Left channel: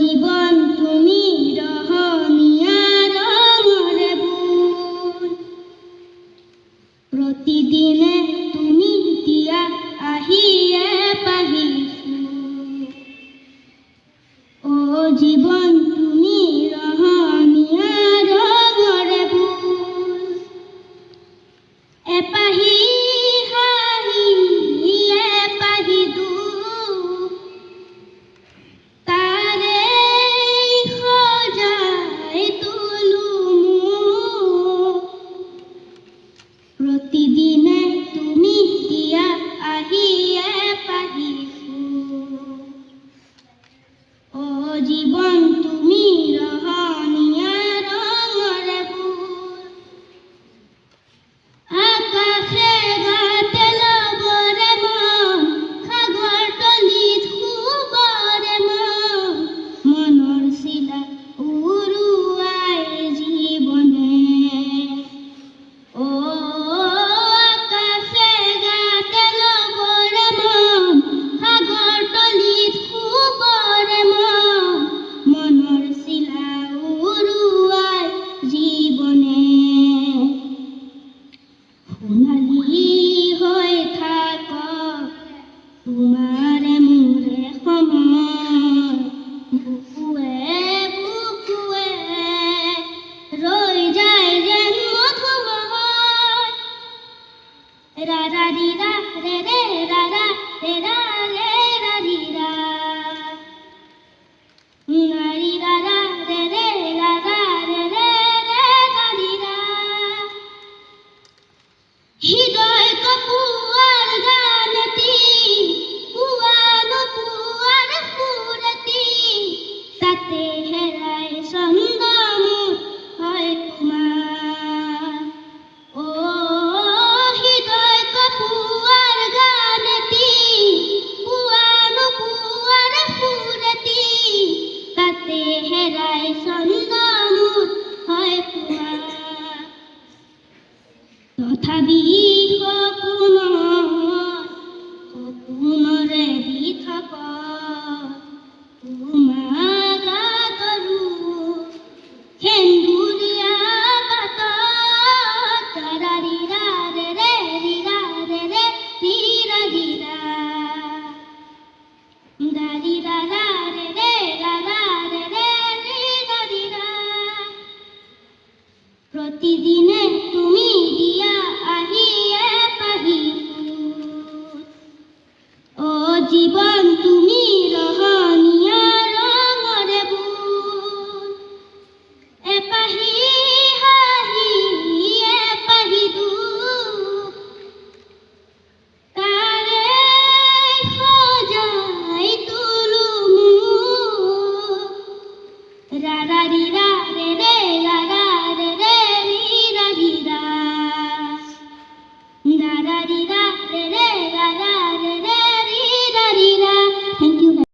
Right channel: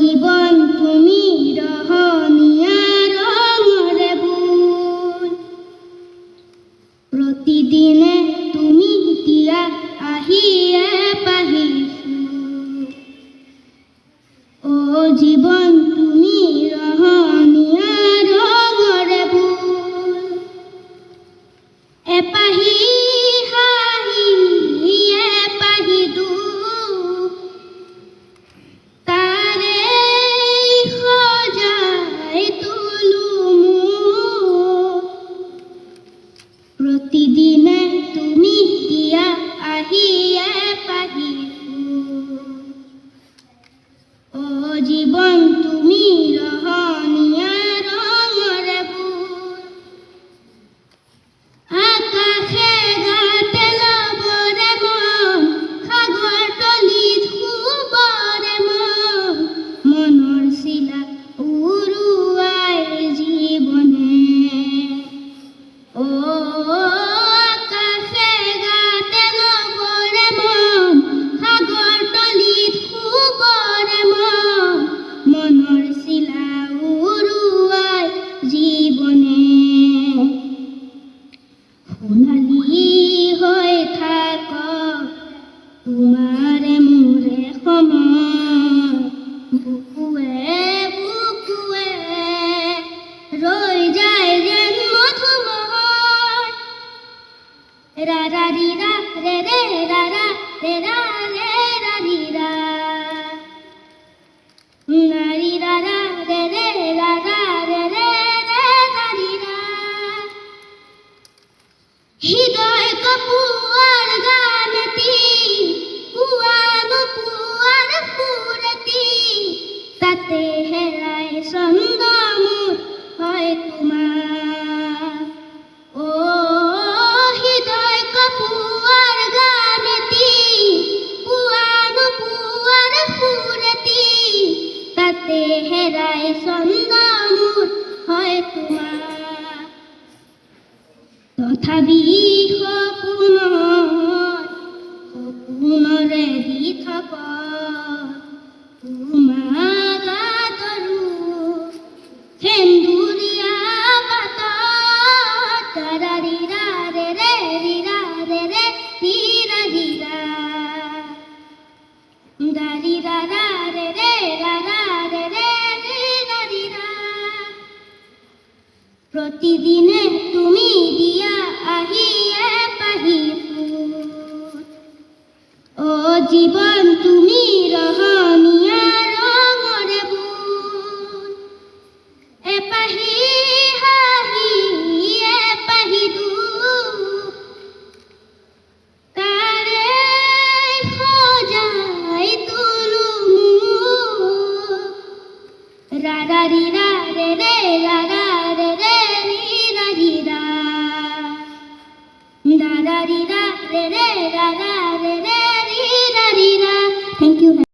জীবন তুমি রহনিয়া রঙরে বুল, প্রতিদিনে তুমি দিয়া আহিয়ে পাহি ফুল। ও জীবন তুমি রহনিয়া রঙরে বুল, এপাহি হাহি এপাহি দুখ, তারে সজাই তুলু মুখ। প্রতিদিনে তুমি দিয়া আহিয়ে পাহি ফুল। ও জীবন তুমি রহনিয়া রঙরে বুল, আকাশে গাতে লগরে মন, সাগর তলিত শুবরে মন, মনৰ চিলা উৰুৱাই জীৱনে। ও আকাশে গাতে লগৰে মন, সাগৰ তলিত শুবৰে মন, মনৰ চিলা উৰুৱাই জীৱনে। সোণালী হৈ থাকক তোমাৰে মোৰে সময়, বুকুৱে বুকুৱে ৰৈ যায় যেন মধুময়। ৰা ৰা ৰি ৰা ৰে ৰে ৰা ৰা ৰে ৰা ৰে ৰা ৰি ৰা, না ৰি ৰা ৰা ৰে ৰে ৰা ৰা ৰে ৰে ৰে ৰা ৰি ৰা। হৃদয় কপুয়ার গানটি, পুয়ানো পুয়ার ফুরতি, তাতে হেরায় ছন্দমুখ হয় তোমার। ও হৃদয় কপুয়ার গানটি, পুয়ানো পুয়ার ফুরতি, তাতে হেরায় ছন্দমুখ হয় তোমার। তথাপি সপোনৰে দি থাক তোমাক আদৰো, সেন্দুৰীয়া বাটত ৰা ৰি ৰা ৰে ৰে ৰি ৰা ৰে ৰে ৰি ৰা ৰি ৰা, গা ৰি ৰা ৰা ৰে ৰে ৰা ৰা ৰে ৰে ৰি ৰা ৰি ৰা। প্ৰতিদিনে তুমি দিয়া আহিয়ে পাহি ফুল। ও জীবন তুমি ৰহ